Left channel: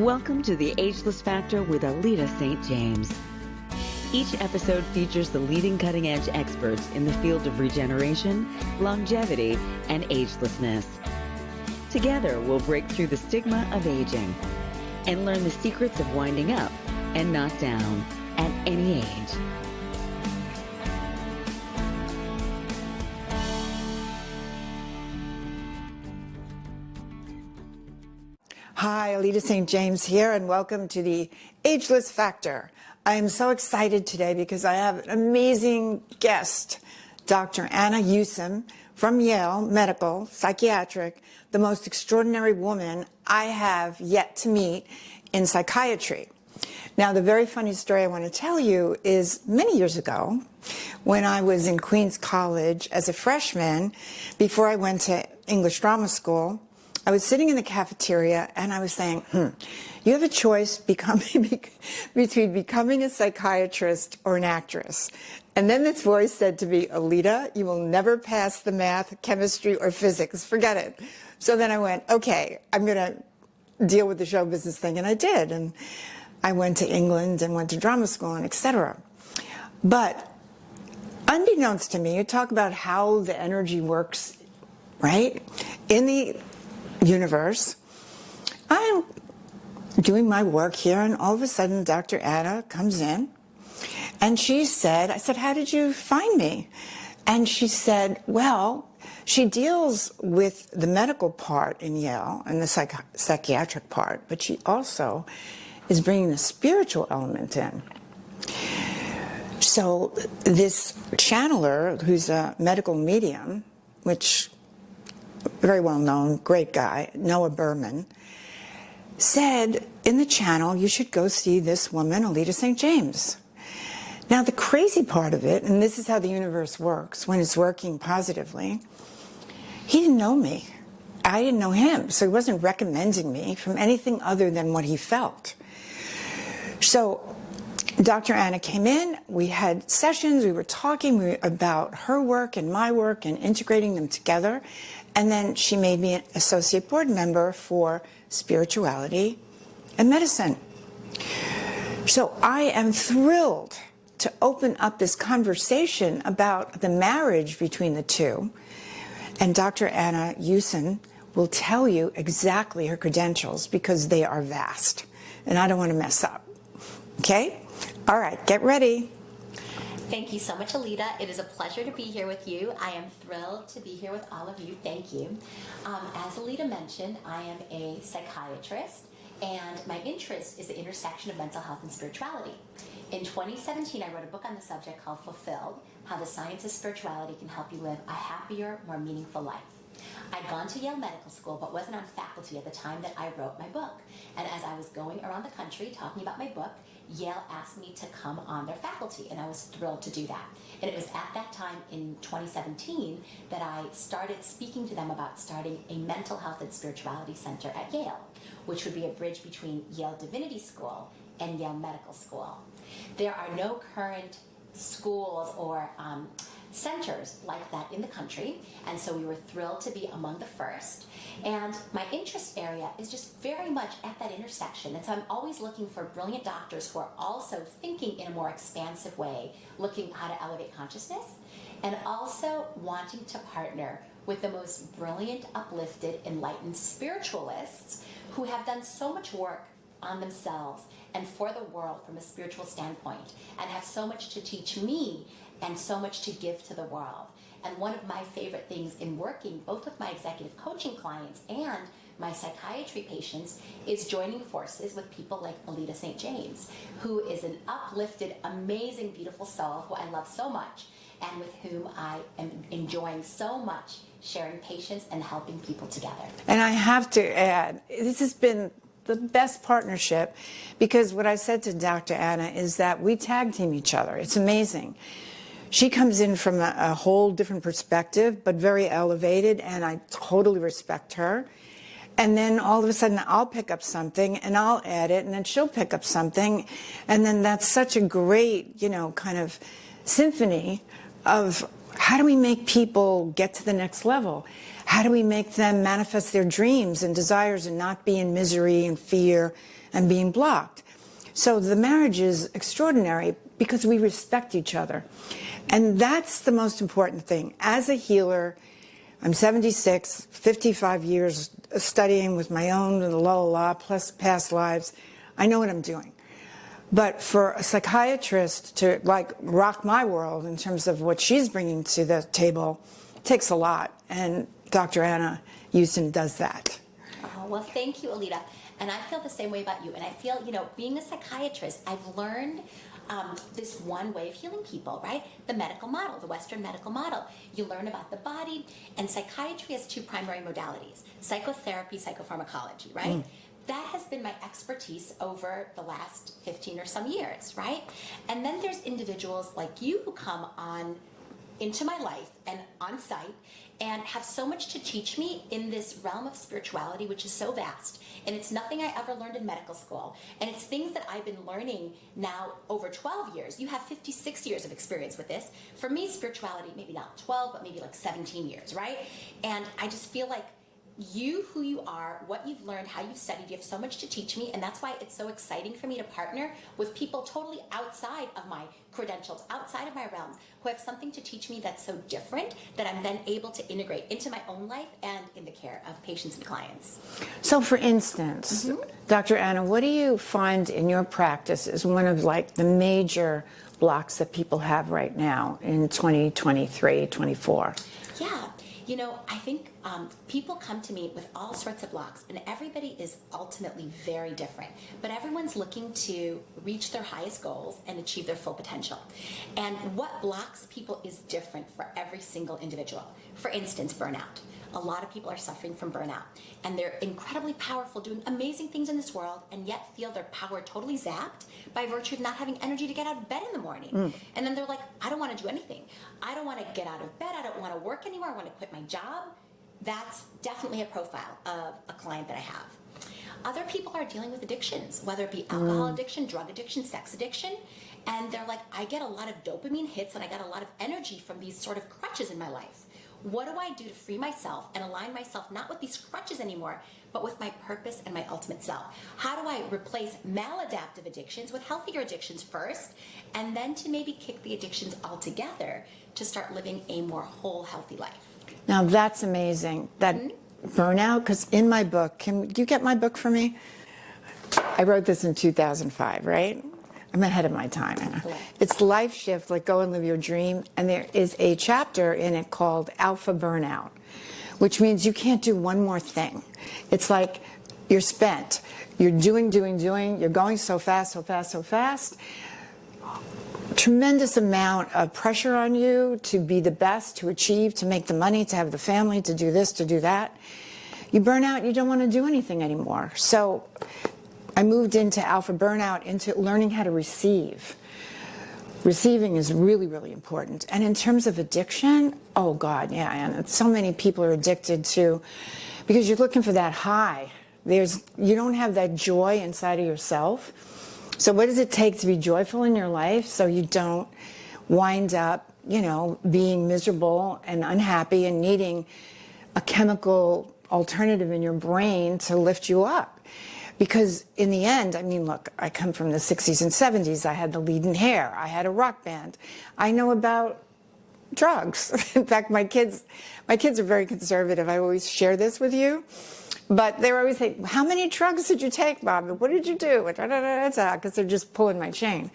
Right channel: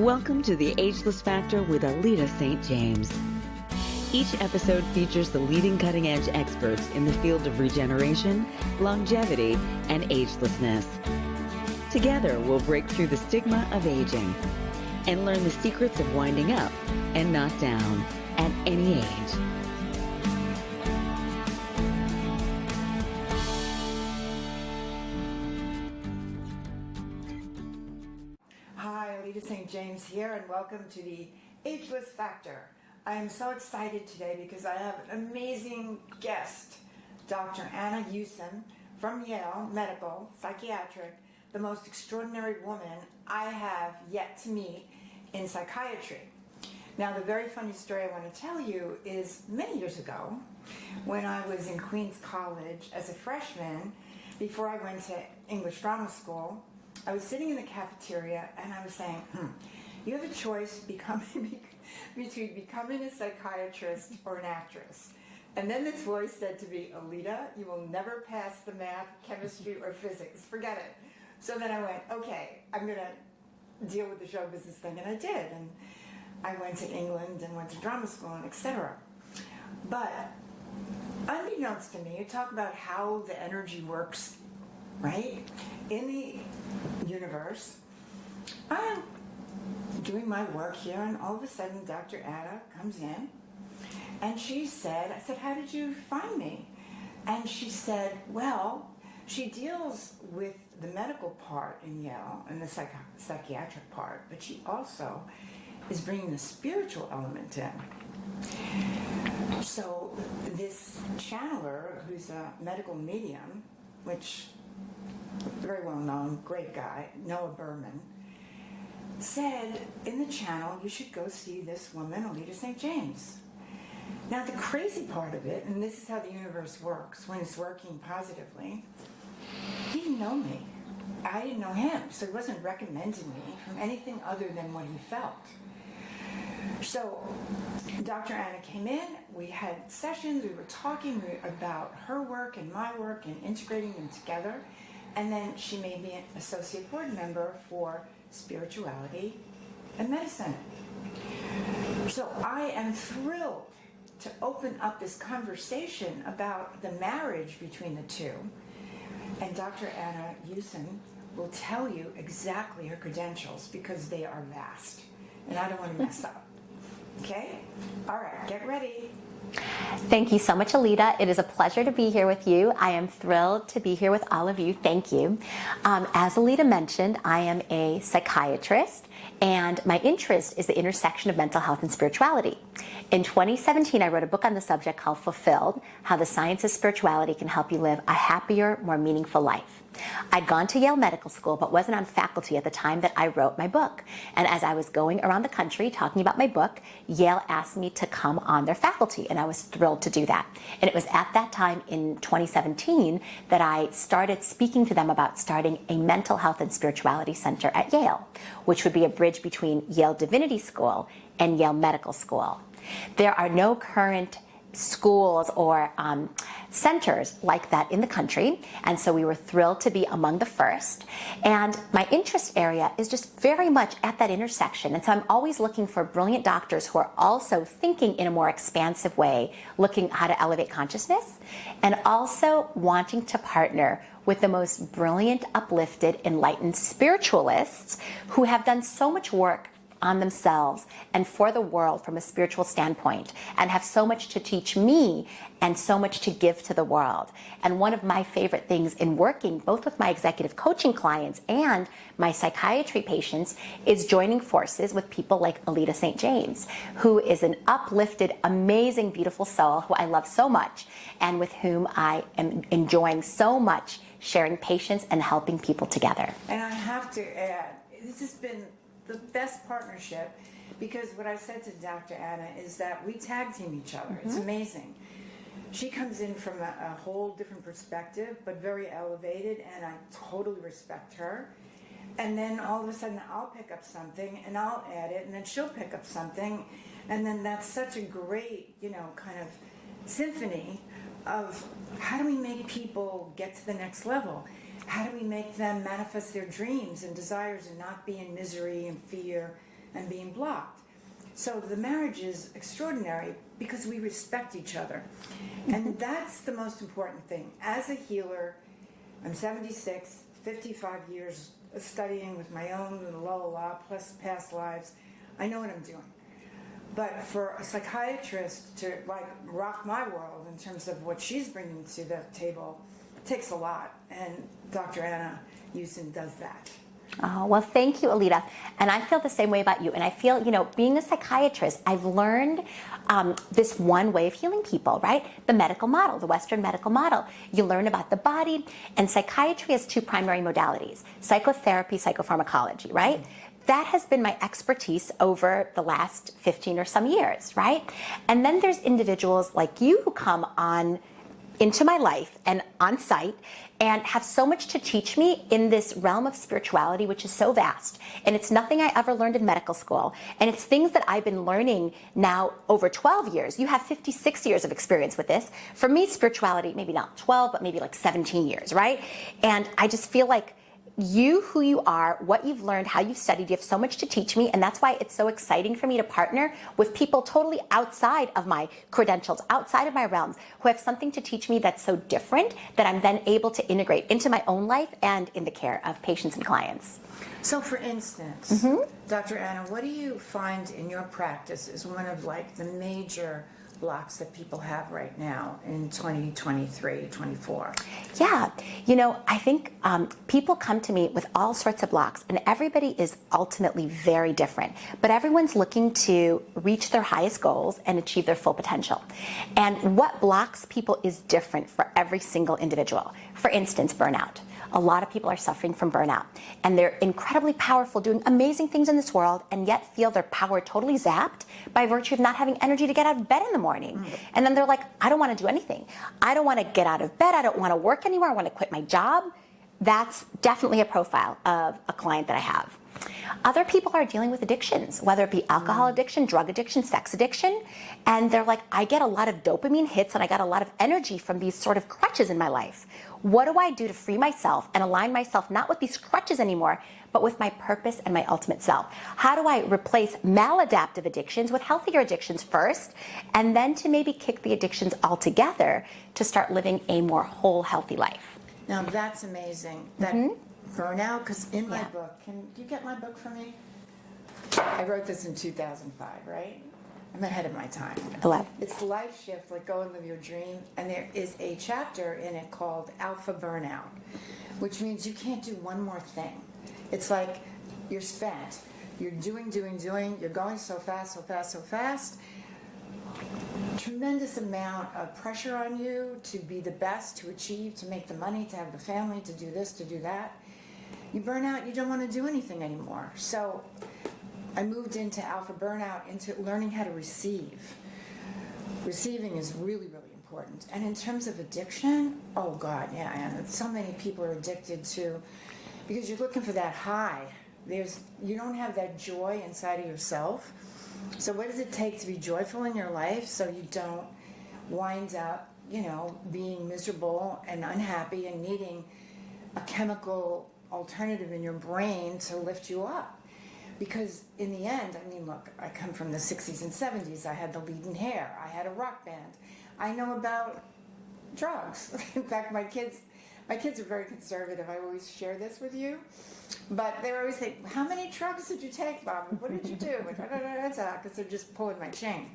Welcome to the Ageless Factor with Alita St. James. Each episode features the leading cutting-edge experts in the field of regeneration, longevity, and agelessness. Together, we'll break through the stigma of aging and learn the secrets of winding up and not down at any age. Hi, Alita St. James here, and welcome to the Ageless Factor. I am so excited today because I have an amazing guest, Dr. Anna Yusim from Yale Medical, psychiatric, the most extraordinary woman I have yet to meet in psychiatry. Now, the very funny story I want to tell you is many years ago, when I was in Queens College as a freshman, before I went to English drama school, I was sitting in the cafeteria and I was saying, you have a choice between becoming a psychiatrist or an actress. And then this voice said to me, Alita, you will never pass the math, chemistry, or physics. Forget it. So then I went, okay, I'm going to deal with the show business thing. And I did. And I went to England and went to drama school and etc. But unbeknownst to me, you talk about how the energy works, right? In the universe, I'm doing my work here, and all of a sudden Dr. Anna comes in and she said, I said, how did you find me? And she said, well, she deals with the medical part in Yale and the psychiatric part, but she also is bringing the spiritual element in. So this channeler, who's a medical medium, which very well known, great guy, Noah Berman, said in the channel, you should go see this woman, Alita St. James. Now, the crazy part of it, and this is how the universe works when it's working positively, he didn't know me. I didn't know him, so he wasn't recommending me from anything other than what he felt. So Dr. Anna came in, we had sessions, we were talking about her work and my work and integrating them together. And then she made me an associate board member for spirituality and medicine. So I am thrilled to open up this conversation about the marriage between the two. And Dr. Anna Yusim will tell you exactly her credentials because they are vast. And I don't want to mess up. Okay? All right, get ready. Thank you so much, Alita. It is a pleasure to be here with you. I am thrilled to be here with all of you. Thank you. As Alita mentioned, I am a psychiatrist, and my interest is the intersection of mental health and spirituality. In 2017, I wrote a book on the subject called Fulfilled, How the Science of Spirituality Can Help You Live a Happier, More Meaningful Life. I'd gone to Yale Medical School, but wasn't on faculty at the time that I wrote my book. And as I was going around the country talking about my book, Yale asked me to come on their faculty, and I was thrilled to do that. And it was at that time in 2017 that I started speaking to them about starting a mental health and spirituality center at Yale, which would be a bridge between Yale Divinity School and Yale Medical School. There are no current schools or centers like that in the country, and so we were thrilled to be among the first. And my interest area is just very much at that intersection, and so I'm always looking for brilliant doctors who are also thinking in a more expansive way, looking how to elevate consciousness, and also wanting to partner with the most brilliant, uplifted, enlightened spiritualists who have done so much work on themselves and for the world from a spiritual standpoint, and have so much to teach me and so much to give to the world. And one of my favorite things in working both with my executive coaching clients and my psychiatry patients is joining forces with people like Alita St. James, who is an uplifted, amazing, beautiful soul who I love so much, and with whom I am enjoying so much sharing patients and helping people together. And I have to add, this has been the best partnership, because what I said to Dr. Anna is that we tag team each other. It's amazing. She comes in from a whole different perspective, but very elevated, and I totally respect her. And then all of a sudden I'll pick up something and I'll add it, and then she'll pick up something, and then that's such a great, kind of symphony of how do we make people get to the next level? How do we make them manifest their dreams and desires and not be in misery and fear and being blocked. So the marriage is extraordinary because we respect each other. And that's the most important thing. As a healer, I'm 76, 55 years studying with my own plus past lives. I know what I'm doing. But for a psychiatrist to like rock my world in terms of what she's bringing to the table, it takes a lot. And Dr. Anna Yusim does that. Oh, well, thank you, Alita. And I feel the same way about you. And I feel, being a psychiatrist, I've learned this one way of healing people, right? The medical model, the Western medical model. You learn about the body, and psychiatry has two primary modalities: psychotherapy, psychopharmacology, right? That has been my expertise over the last 15 or some years, right? And then there's individuals like you who come on into my life and on site and have so much to teach me in this realm of spirituality, which is so vast. And it's nothing I ever learned in medical school. And it's things that I've been learning now over 12 years. You have 56 years of experience with this. For me, spirituality, maybe not 12, but maybe like 17 years, right? And I just feel like you, who you are, what you've learned, how you've studied, you have so much to teach me, and that's why it's so exciting for me to partner with people totally outside of my credentials, outside of my realms, who have something to teach me that's so different that I'm then able to integrate into my own life and in the care of patients and clients. So for instance, Dr. Anna, what do you find in your practice is one of like the major blocks that people have right now in 2023, 24? Yeah, I think people come to me with all sorts of blocks, and everybody is ultimately very different, but everyone's looking to reach their highest goals and achieve their full potential. And what blocks people is different for every single individual. For instance, burnout. A lot of people are suffering from burnout, and they're incredibly powerful, doing amazing things in this world, and yet feel their power totally zapped by virtue of not having energy to get out of bed in the morning. And then they're like, I don't want to do anything. I don't want to get out of bed. I don't want to work anymore. I want to quit my job. That's definitely a profile of a client that I have. Other people are dealing with addictions, whether it be alcohol addiction, drug addiction, sex addiction, and they're like, I get a lot of dopamine hits and I got a lot of energy from these sort of crutches in my life. What do I do to free myself and align myself not with these crutches anymore, but with my purpose and my ultimate self? How do I replace maladaptive addictions with healthier addictions first, and then to maybe kick the addictions altogether to start living a more whole, healthy life? Now that's amazing. That burnout, because in my book, do you get my book for me? I wrote this in 2005, right? I'm ahead of my time. It's Life Shift, like Go and Live Your Dream. And there is a chapter in it called Alpha Burnout, which means you can't do one more thing. It's like you're spent. You're doing. You're going so fast. Tremendous amount of pressure on you to be the best, to achieve, to make the money, to have the family, to do this, to do that. You burn out, you don't want to do anything anymore. So I moved into Alpha Burnout, into learning how to receive. Receiving is really, really important. And in terms of addiction, oh God, yeah, and so many people are addicted to, because you're looking for that high. You don't have that joy inside of yourself. So what does it take to be joyful in your life so you don't wind up, being miserable and unhappy and needing a chemical alternative in your brain to lift you up? Because in the end, look, I come from the 60s and 70s. I had the leading hair. I had a rock band. I know about drugs. In fact, my kids are very conservative. I always share this with you. But they were always saying, how many drugs did you take, Bob? What did you do? Because they're just pulling my chain.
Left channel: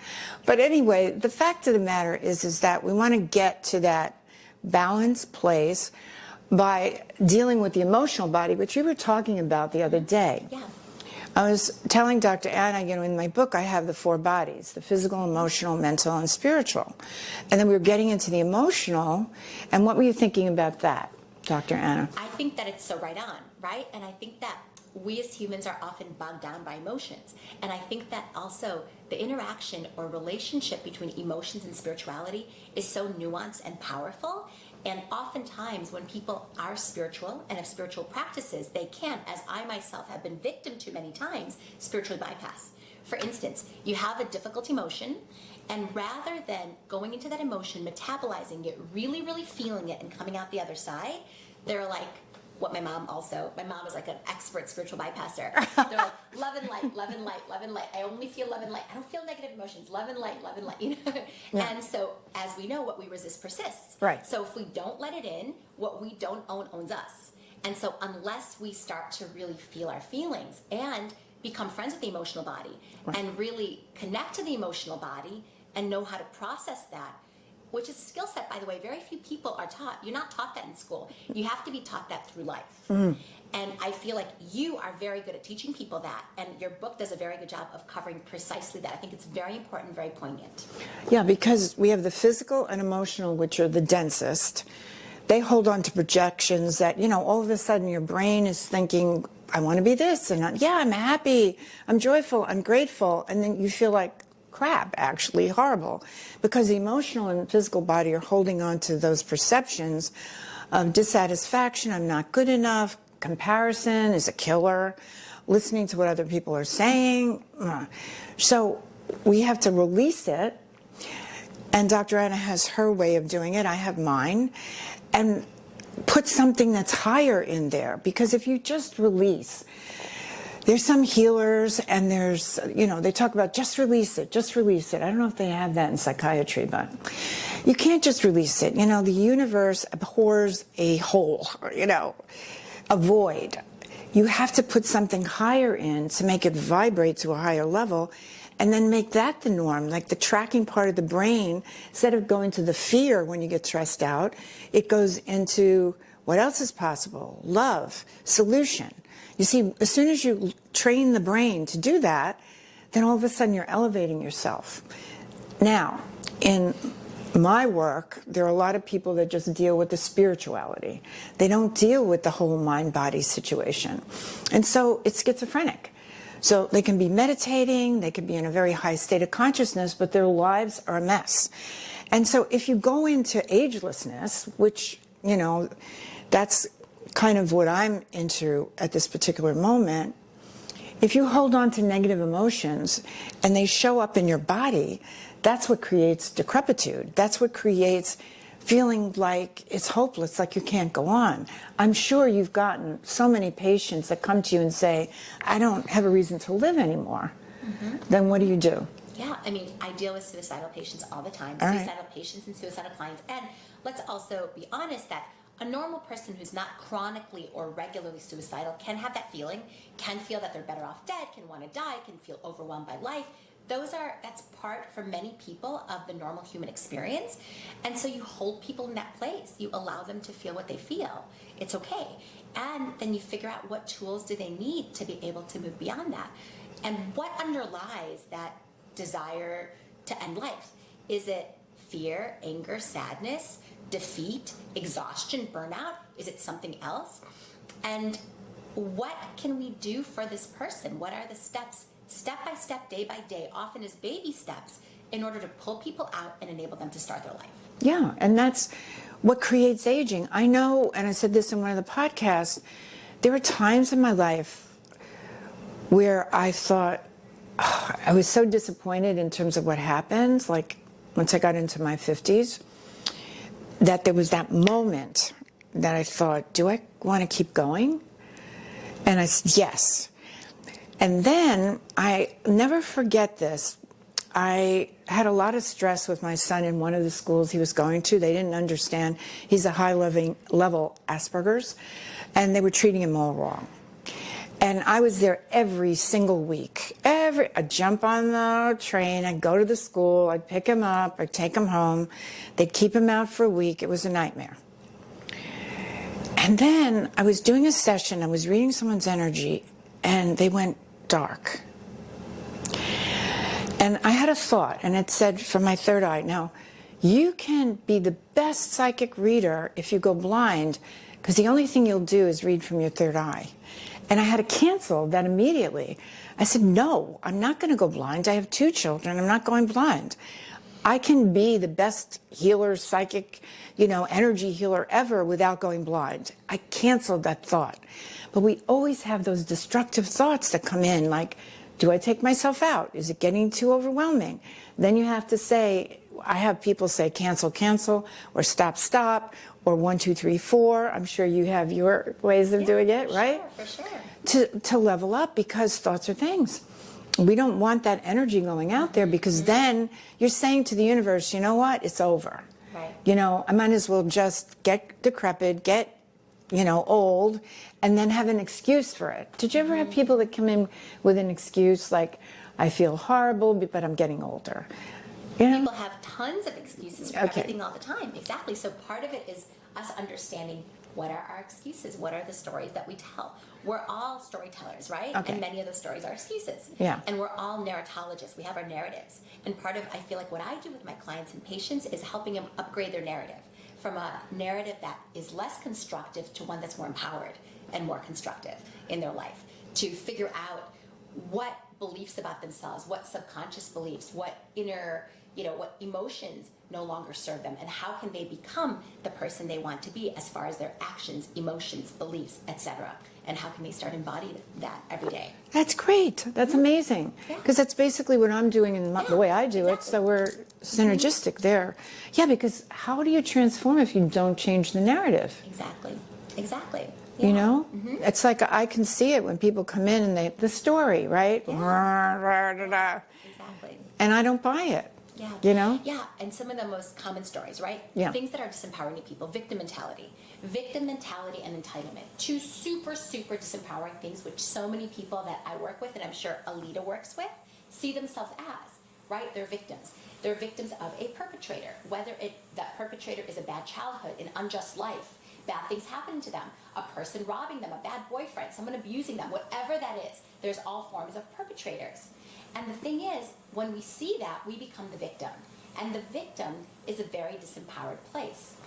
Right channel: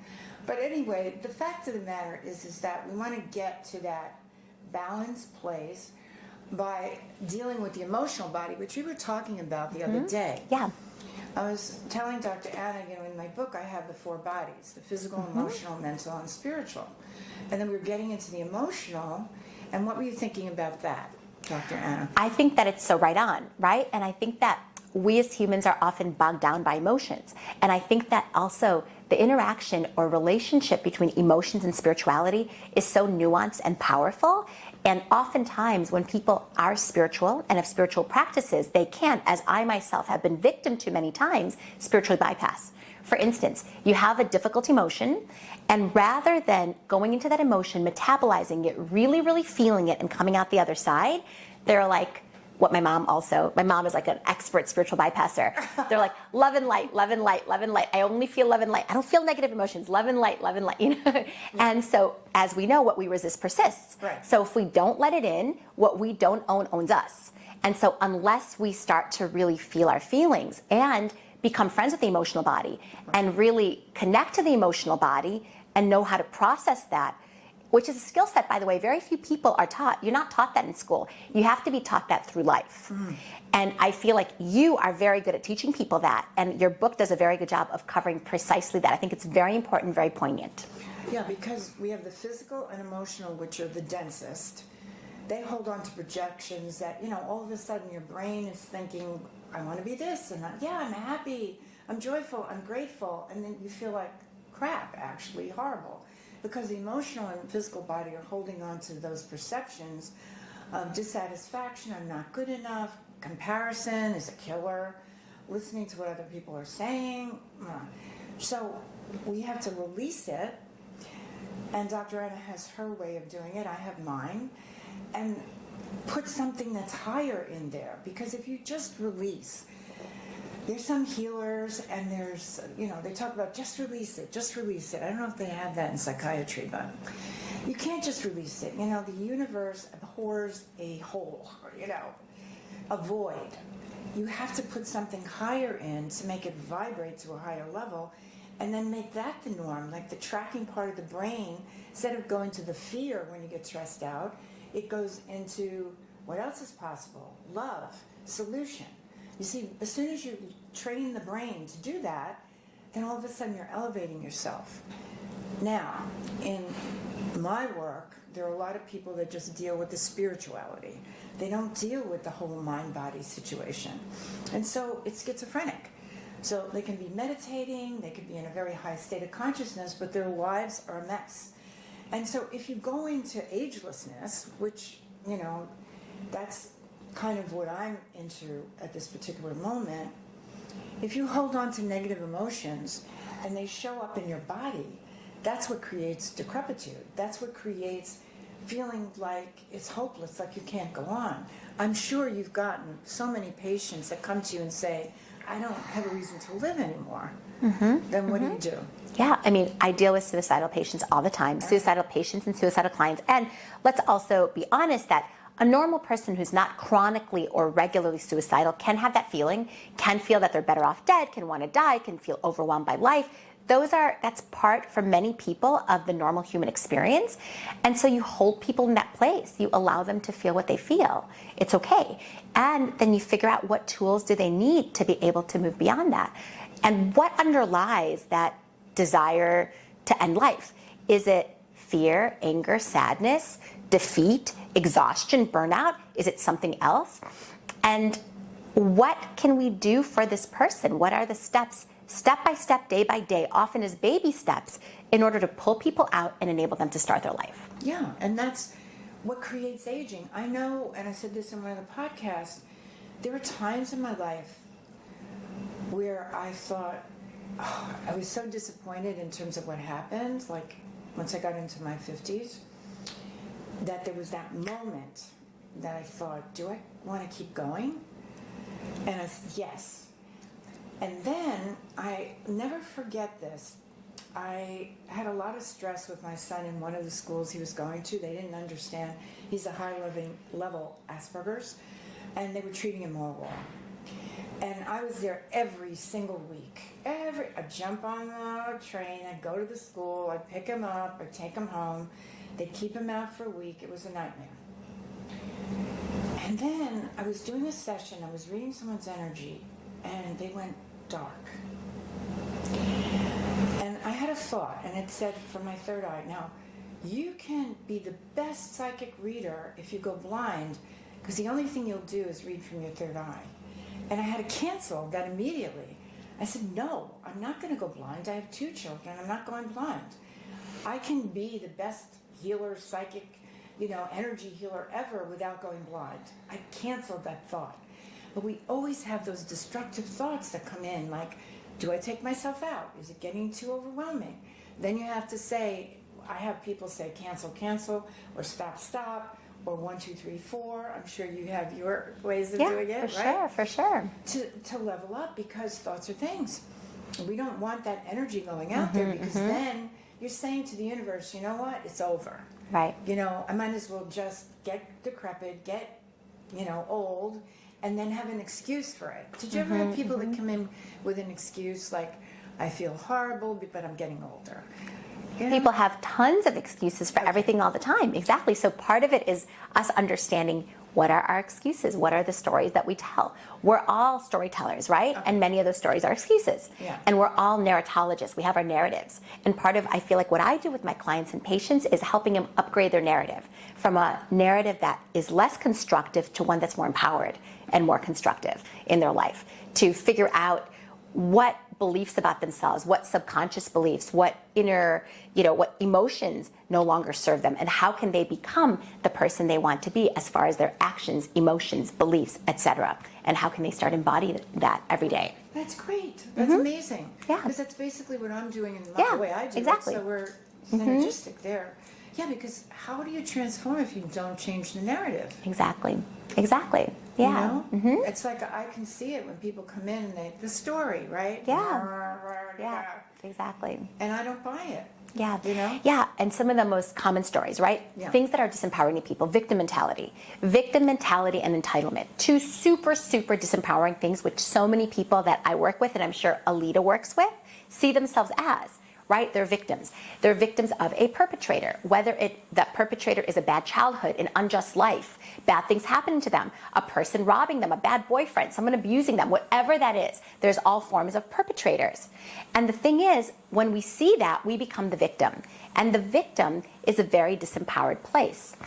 But anyway, the fact of the matter is that we want to get to that balanced place by dealing with the emotional body, which we were talking about the other day. Yeah. I was telling Dr. Anna, in my book, I have the 4 bodies: the physical, emotional, mental, and spiritual. And then we were getting into the emotional. And what were you thinking about that, Dr. Anna? I think that it's so right on, right? And I think that we as humans are often bogged down by emotions. And I think that also the interaction or relationship between emotions and spirituality is so nuanced and powerful. And oftentimes when people are spiritual and have spiritual practices, they can, as I myself have been victim to many times, spiritually bypass. For instance, you have a difficult emotion, and rather than going into that emotion, metabolizing it, really, really feeling it, and coming out the other side, they're like, what my mom is like an expert spiritual bypasser. They're like, love and light, love and light, love and light. I only feel love and light. I don't feel negative emotions. Love and light, you know? Yeah. And so, as we know, what we resist persists. Right. So if we don't let it in, what we don't own owns us. And so unless we start to really feel our feelings and become friends with the emotional body, right, and really connect to the emotional body and know how to process that, which is a skill set, by the way, very few people are taught. You're not taught that in school. You have to be taught that through life. And I feel like you are very good at teaching people that, and your book does a very good job of covering precisely that. I think it's very important, very poignant. Yeah, because we have the physical and emotional, which are the densest. They hold on to projections that, you know, all of a sudden your brain is thinking, I want to be this, and I'm happy, I'm joyful, I'm grateful, and then you feel like crap, actually horrible, because the emotional and physical body are holding on to those perceptions of dissatisfaction, I'm not good enough, comparison is a killer, listening to what other people are saying. So we have to release it, and Dr. Anna has her way of doing it, I have mine, and put something that's higher in there, because if you just release, there's some healers, and there's, you know, they talk about just release it, just release it. I don't know if they have that in psychiatry, but you can't just release it. You know, the universe abhors a hole, you know, a void. You have to put something higher in to make it vibrate to a higher level, and then make that the norm, like the tracking part of the brain. Instead of going to the fear when you get stressed out, it goes into what else is possible, love, solution. You see, as soon as you train the brain to do that, then all of a sudden you're elevating yourself. Now, in my work, there are a lot of people that just deal with the spirituality. They don't deal with the whole mind-body situation. And so it's schizophrenic. So they can be meditating, they can be in a very high state of consciousness, but their lives are a mess. And so if you go into agelessness, which, you know, that's kind of what I'm into at this particular moment, if you hold on to negative emotions and they show up in your body, that's what creates decrepitude. That's what creates feeling like it's hopeless, like you can't go on. I'm sure you've gotten so many patients that come to you and say, I don't have a reason to live anymore. Then what do you do? Yeah, I mean, I deal with suicidal patients all the time, suicidal patients and suicidal clients. And let's also be honest that a normal person who's not chronically or regularly suicidal can have that feeling, can feel that they're better off dead, can want to die, can feel overwhelmed by life. That's part for many people of the normal human experience. And so you hold people in that place. You allow them to feel what they feel. It's okay. And then you figure out what tools do they need to be able to move beyond that. And what underlies that desire to end life? Is it fear, anger, sadness, defeat, exhaustion, burnout? Is it something else? And what can we do for this person? What are the steps, step by step, day by day, often as baby steps, in order to pull people out and enable them to start their life? Yeah, and that's what creates aging. I know, and I said this in one of the podcasts, there were times in my life where I thought, oh, I was so disappointed in terms of what happened, like once I got into my 50s, that there was that moment that I thought, do I want to keep going? And I said, yes. And then, I never forget this, I had a lot of stress with my son in one of the schools he was going to. They didn't understand. He's a high-level Asperger's, and they were treating him all wrong. And I was there every single week. I'd jump on the train, I'd go to the school, I'd pick him up, I'd take him home. They'd keep him out for a week. It was a nightmare. And then I was doing a session, I was reading someone's energy, and they went dark. And I had a thought, and it said from my third eye, now, you can be the best psychic reader if you go blind, because the only thing you'll do is read from your third eye. And I had to cancel that immediately. I said, no, I'm not going to go blind. I have 2 children. I'm not going blind. I can be the best healer, psychic, energy healer ever without going blind. I canceled that thought. But we always have those destructive thoughts that come in, like, do I take myself out? Is it getting too overwhelming? Then you have to say, I have people say cancel, cancel, or stop, stop, or 1, 2, 3, 4. I'm sure you have your ways of doing it, right? For sure. To level up, because thoughts are things. We don't want that energy going out there, because then you're saying to the universe, you know what, it's over. Right. You know, I might as well just get decrepit, get, old, and then have an excuse for it. Did you ever have people that come in with an excuse like, I feel horrible, but I'm getting older? People have tons of excuses for everything all the time. Exactly. So part of it is us understanding, what are our excuses? What are the stories that we tell? We're all storytellers, right? And many of those stories are excuses. Yeah. And we're all narratologists. We have our narratives. And part of, I feel like, what I do with my clients and patients is helping them upgrade their narrative from a narrative that is less constructive to one that's more empowered and more constructive in their life, to figure out what beliefs about themselves, what subconscious beliefs, what inner, what emotions no longer serve them, and how can they become the person they want to be as far as their actions, emotions, beliefs, etc. And how can they start embodying that every day? That's great. That's amazing. Yeah. Because that's basically what I'm doing in the way I do it. So we're synergistic there. Yeah, because how do you transform if you don't change the narrative? Exactly. Yeah. You know? It's like I can see it when people come in and the story, right? Yeah. Exactly. And I don't buy it. Yeah. You know? Yeah, and some of the most common stories, right? Yeah. Things that are disempowering to people. Victim mentality. Victim mentality and entitlement. Two super, super disempowering things, which so many people that I work with, and I'm sure Alita works with, see themselves as. Right? They're victims. They're victims of a perpetrator, whether that perpetrator is a bad childhood, an unjust life, bad things happening to them, a person robbing them, a bad boyfriend, someone abusing them, whatever that is. There's all forms of perpetrators. And the thing is, when we see that, we become the victim. And the victim is a very disempowered place.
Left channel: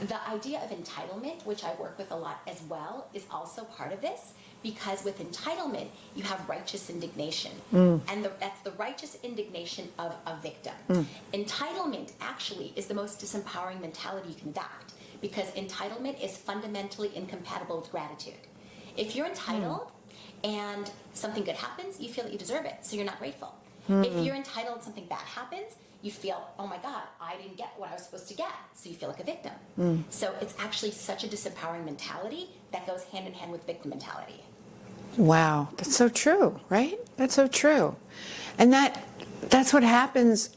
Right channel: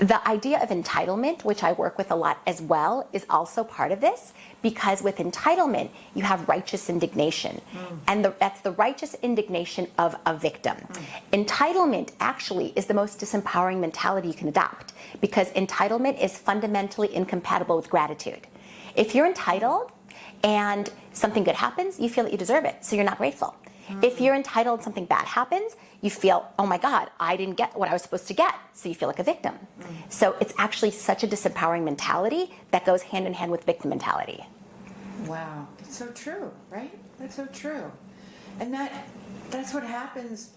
The idea of entitlement, which I work with a lot as well, is also part of this, because with entitlement, you have righteous indignation. And that's the righteous indignation of a victim. Entitlement actually is the most disempowering mentality you can adopt, because entitlement is fundamentally incompatible with gratitude. If you're entitled and something good happens, you feel that you deserve it, so you're not grateful. If you're entitled and something bad happens, you feel, oh my God, I didn't get what I was supposed to get, so you feel like a victim. So it's actually such a disempowering mentality that goes hand in hand with victim mentality. Wow, that's so true, right? That's so true. And that's what happens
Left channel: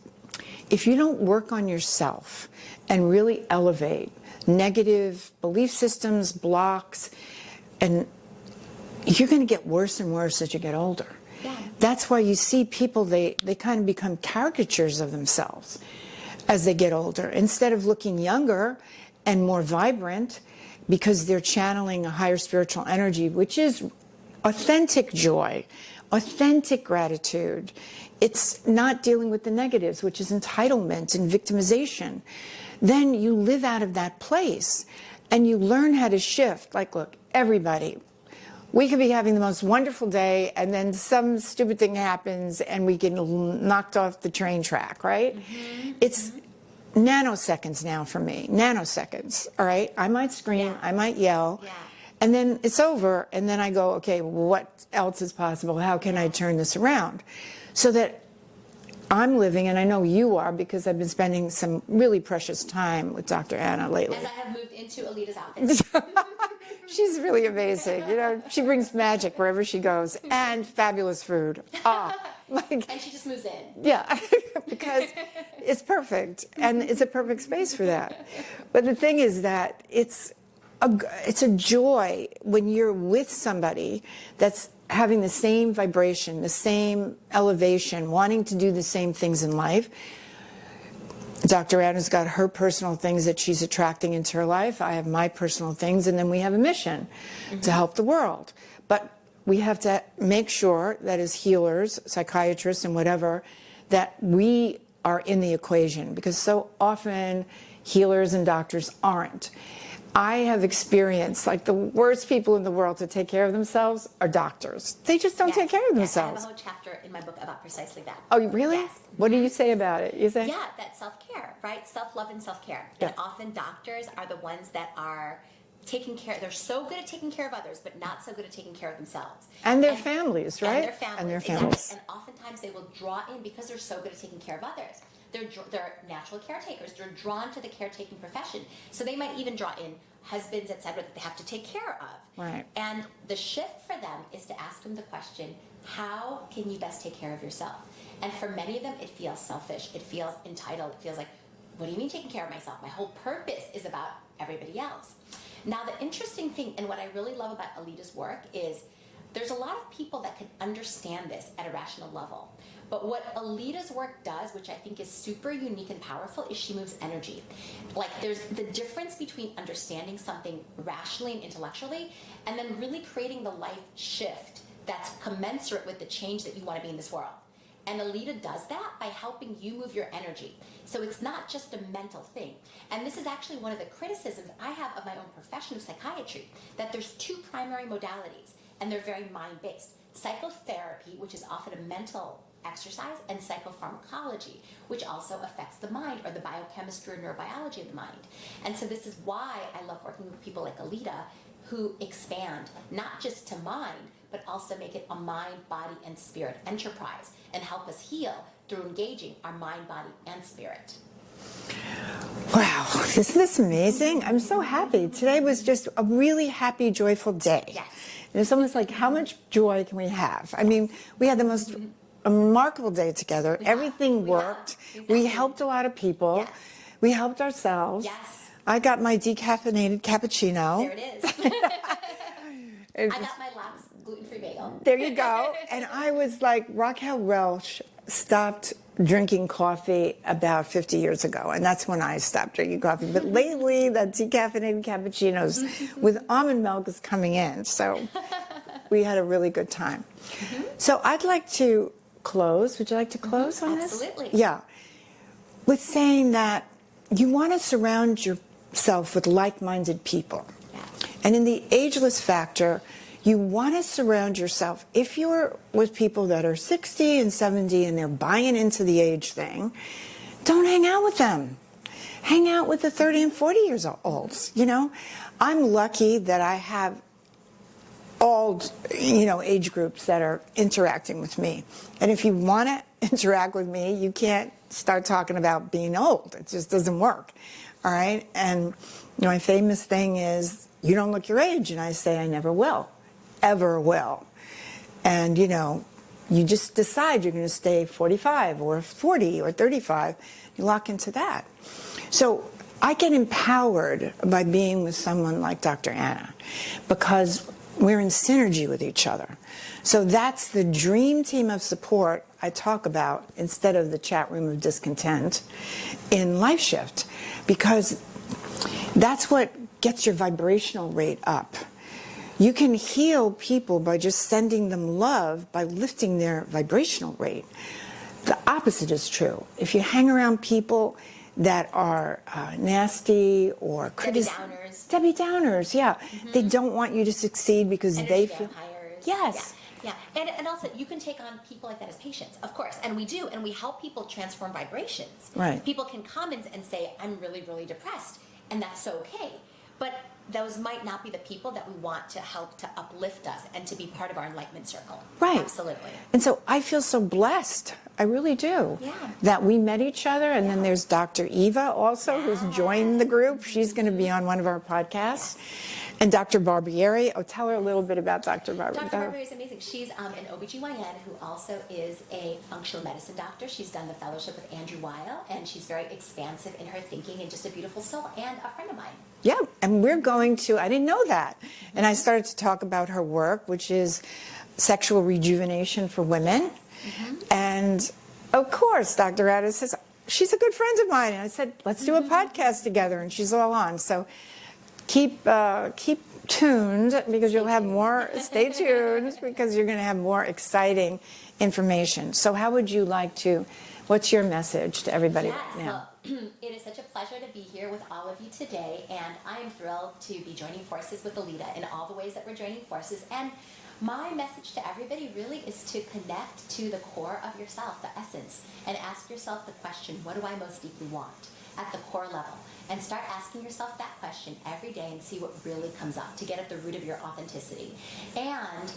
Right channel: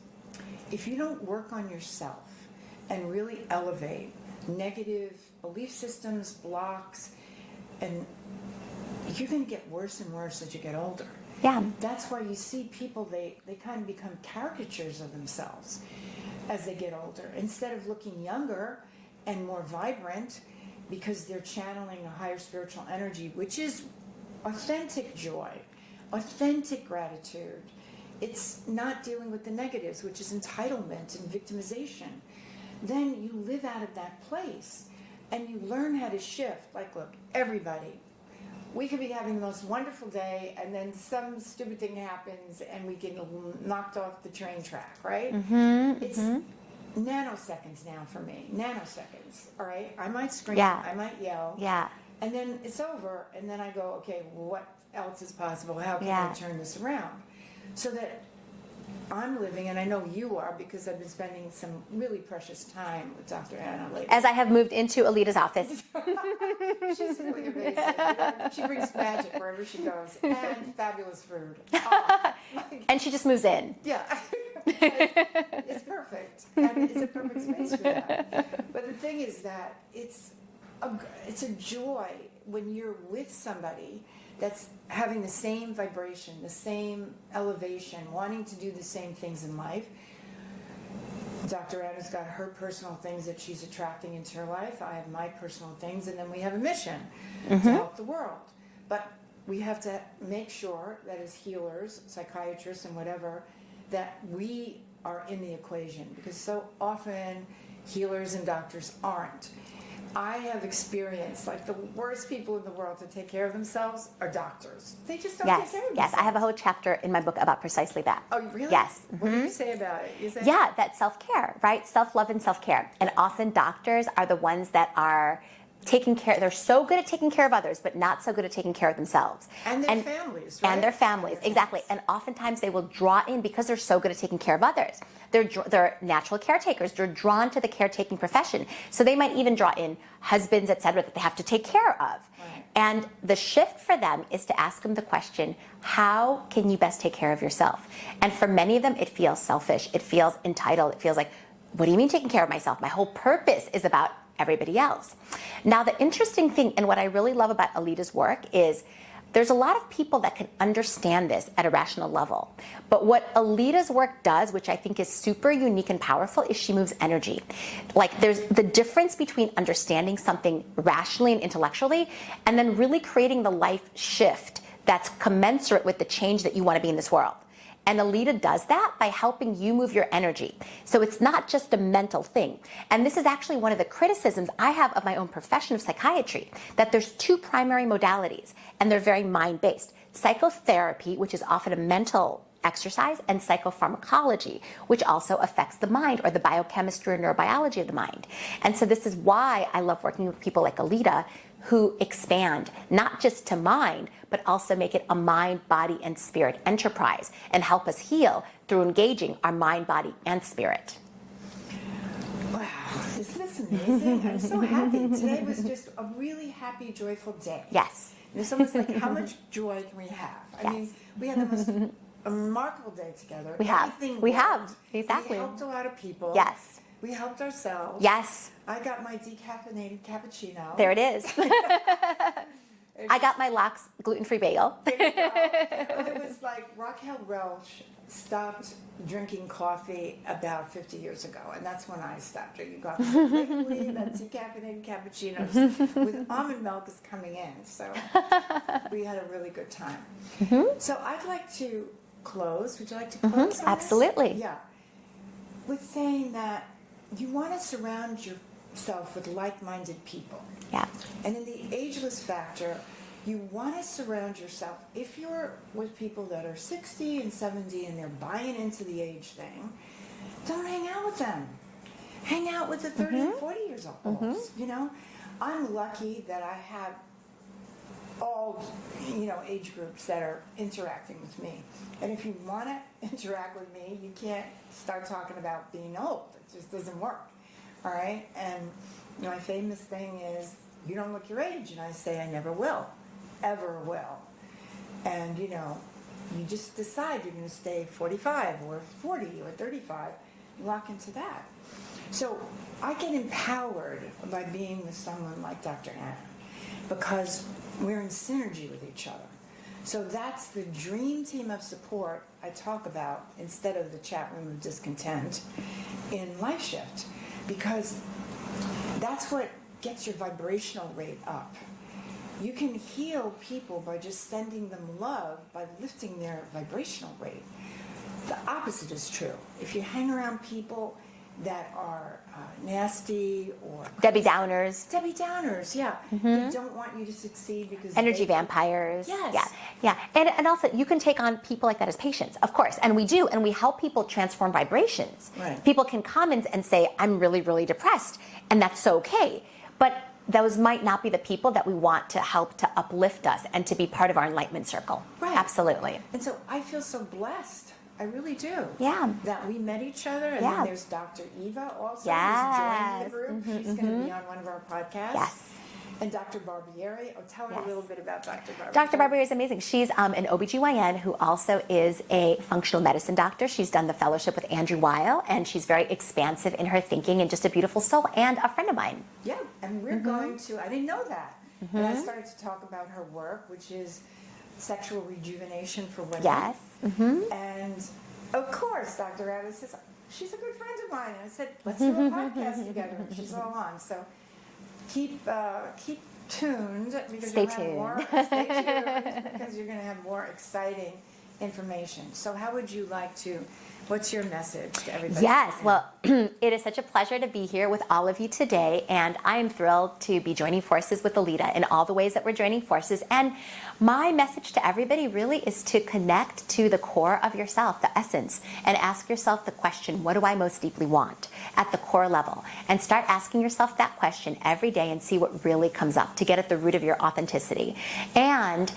if you don't work on yourself and really elevate negative belief systems, blocks, and you're going to get worse and worse as you get older. Yeah. That's why you see people, they kind of become caricatures of themselves as they get older. Instead of looking younger and more vibrant, because they're channeling a higher spiritual energy, which is authentic joy, authentic gratitude. It's not dealing with the negatives, which is entitlement and victimization. Then you live out of that place and you learn how to shift. Like, look, everybody, we could be having the most wonderful day and then some stupid thing happens and we get knocked off the train track, right? It's nanoseconds now for me, nanoseconds, all right? I might scream, I might yell. And then it's over, and then I go, okay, what else is possible? How can I turn this around? So that I'm living, and I know you are, because I've been spending some really precious time with Dr. Anna lately. As I have moved into Alita's office. She's really amazing. You know, she brings magic wherever she goes, and fabulous food. And she just moves in. Yeah, because it's perfect, and it's a perfect space for that. But the thing is that it's a joy when you're with somebody that's having the same vibration, the same elevation, wanting to do the same things in life. Dr. Anna's got her personal things that she's attracting into her life. I have my personal things, and then we have a mission to help the world. But we have to make sure that as healers, psychiatrists, and whatever, that we are in the equation, because so often healers and doctors aren't. I have experienced, like, the worst people in the world to take care of themselves are doctors. They just don't take care of themselves. Yes, I have a whole chapter in my book about precisely that. Oh, really? Yes. What do you say about it? You say? Yeah, that's self-care, right? Self-love and self-care. And often doctors are the ones that are taking care, they're so good at taking care of others, but not so good at taking care of themselves. And their families, right? And their families, exactly. And oftentimes they will draw in, because they're so good at taking care of others, they're natural caretakers. They're drawn to the caretaking profession. So they might even draw in husbands, et cetera, that they have to take care of. Right. And the shift for them is to ask them the question, how can you best take care of yourself? And for many of them, it feels selfish. It feels entitled. It feels like, what do you mean taking care of myself? My whole purpose is about everybody else. Now, the interesting thing, and what I really love about Alita's work is there's a lot of people that can understand this at a rational level. But what Alita's work does, which I think is super unique and powerful, is she moves energy. Like, there's the difference between understanding something rationally and intellectually, and then really creating the life shift that's commensurate with the change that you want to be in this world. And Alita does that by helping you move your energy. So it's not just a mental thing. And this is actually one of the criticisms I have of my own profession of psychiatry, that there's two primary modalities, and they're very mind-based. Psychotherapy, which is often a mental exercise, and psychopharmacology, which also affects the mind, or the biochemistry or neurobiology of the mind. And so this is why I love working with people like Alita, who expand not just to mind, but also make it a mind, body, and spirit enterprise, and help us heal through engaging our mind, body, and spirit. Wow, isn't this amazing? I'm so happy. Today was just a really happy, joyful day. Yes. And it's almost like, how much joy can we have? I mean, we had the most remarkable day together. Everything worked. We helped a lot of people. Yes. We helped ourselves. Yes. I got my decaffeinated cappuccino. There it is. I got my Lox gluten-free bagel. There you go. And I was like, Raquel Welch stopped drinking coffee about 50 years ago, and that's when I stopped drinking coffee. But lately, the decaffeinated cappuccinos with almond milk is coming in, so we had a really good time. So I'd like to close. Would you like to close on this? Absolutely. Yeah. With saying that you want to surround yourself with like-minded people. Yeah. And in the ageless factor, you want to surround yourself, if you're with people that are 60 and 70 and they're buying into the age thing, don't hang out with them. Hang out with the 30 and 40 years olds. You know, I'm lucky that I have all, age groups that are interacting with me. And if you want to interact with me, you can't start talking about being old. It just doesn't work. All right? And my famous thing is, you don't look your age. And I say, I never will. Ever will. And, you just decide you're going to stay 45 or 40 or 35. You lock into that. So I get empowered by being with someone like Dr. Anna, because we're in synergy with each other. So that's the dream team of support I talk about instead of the chat room of discontent in Life Shift, because that's what gets your vibrational rate up. You can heal people by just sending them love, by lifting their vibrational rate. The opposite is true. If you hang around people that are nasty or Debbie Downers. Debbie Downers, yeah. They don't want you to succeed because energy vampires. Yes. Yeah. And also, you can take on people like that as patients, of course. And we do. And we help people transform vibrations. Right. People can come and say, I'm really, really depressed. And that's okay. But those might not be the people that we want to help to uplift us and to be part of our enlightenment circle. Right. Absolutely. And so I feel so blessed. I really do. Yeah. That we met each other. And then there's Dr. Eva also, who's joined the group. She's going to be on one of our podcasts. Yes. And Dr. Barbieri. Tell her a little bit about Dr. Barbieri. Dr. Barbieri is amazing. She's an OBGYN who also is a functional medicine doctor. She's done the fellowship with Andrew Weil, and she's very expansive in her thinking and just a beautiful soul and a friend of mine. Yeah, and we're going to, I didn't know that. And I started to talk about her work, which is sexual rejuvenation for women. Yes. And of course, Dr. Addis says, she's a good friend of mine. And I said, let's do a podcast together. And she's all on. So keep tuned, because you'll have more, stay tuned, because you're going to have more exciting information. So how would you like to, what's your message to everybody? Yes, now? well, it is such a pleasure to be here with all of you today, and I am thrilled to be joining forces with Alita in all the ways that we're joining forces. And my message to everybody really is to connect to the core of yourself, the essence, and ask yourself the question, what do I most deeply want at the core level? And start asking yourself that question every day and see what really comes up to get at the root of your authenticity. And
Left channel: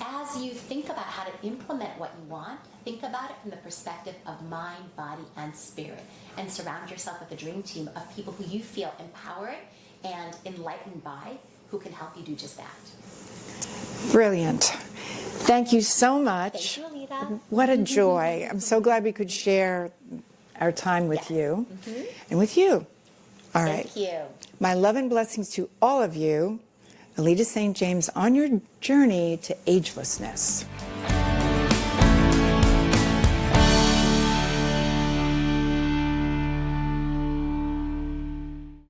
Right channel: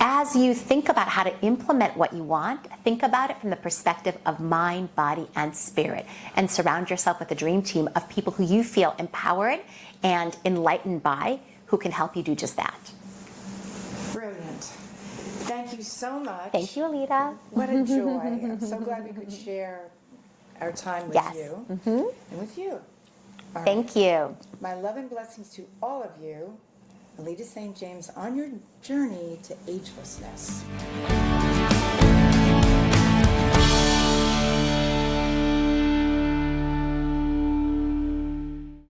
as you think about how to implement what you want, think about it from the perspective of mind, body, and spirit, and surround yourself with a dream team of people who you feel empowered and enlightened by, who can help you do just that. Brilliant. Thank you so much. Thank you, Alita. What a joy. I'm so glad we could share our time with Yes. you and with you. All right. Thank you. My love and blessings to all of you. Alita St. James on your journey to agelessness.